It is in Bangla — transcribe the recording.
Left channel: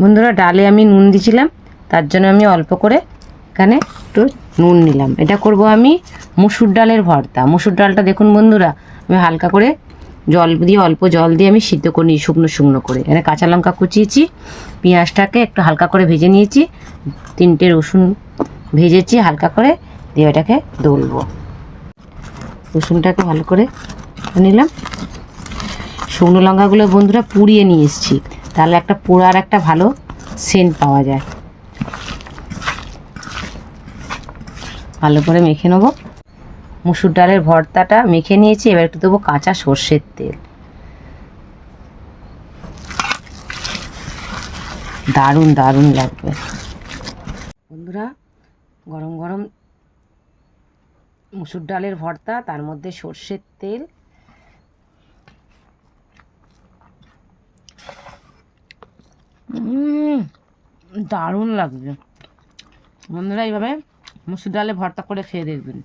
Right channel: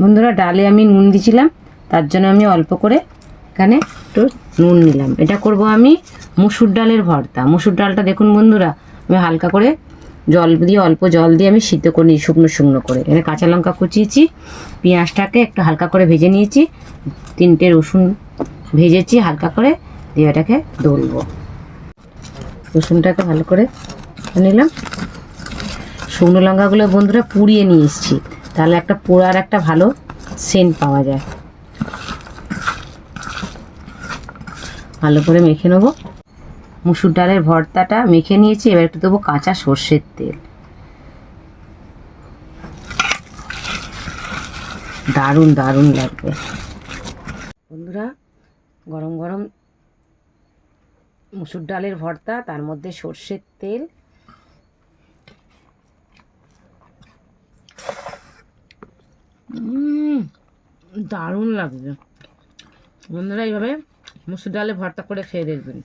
বন্ধুরা, ডালে আমি নুন দিয়েছিলাম, তার জন্য আমি অল্প করে এখানে একটু নুন নিলাম। এটা করব আমি মসুর ডালের ভর্তা। মসুর ডালটা দেখুন বন্ধুরা, আমি হালকা করে জল দিয়ে, অল্প জল দিয়ে আমি সিদ্ধ করে নিই শুকনো শুকনো করে। এখানে কাঁচা লঙ্কা কুচিয়েছি, পেঁয়াজটাকে একটু হালকা করে ভেজে নিয়েছি, 3টে রসুন ভেজেছি হালকা করে, দিয়ে এটাকে দলবো। রসুনটাকে ভালো করে নিলাম। শুকনো লঙ্কাগুলো বন্ধুরা পুড়িয়ে নিয়ে এসেছি, তাহলে একটা পোড়ার একটা ভালো সেন্ট পাওয়া যায়। ভালো করে মেখে নেবো। মুসুর ডালের ভর্তাটা মেখে নিয়েছি, এবার একটু দেবো কাঁচা সর্ষের তেল। দারুণ দারুণ লাগবে বন্ধুরা। গরম গরম মুসুর ডালের ভর্তা, তার মধ্যে সর্ষের তেল। দারুণ লাগবে বন্ধুরা। এইভাবে মুসুর ডালে ভর্তা করে খেয়ে দেখবেন।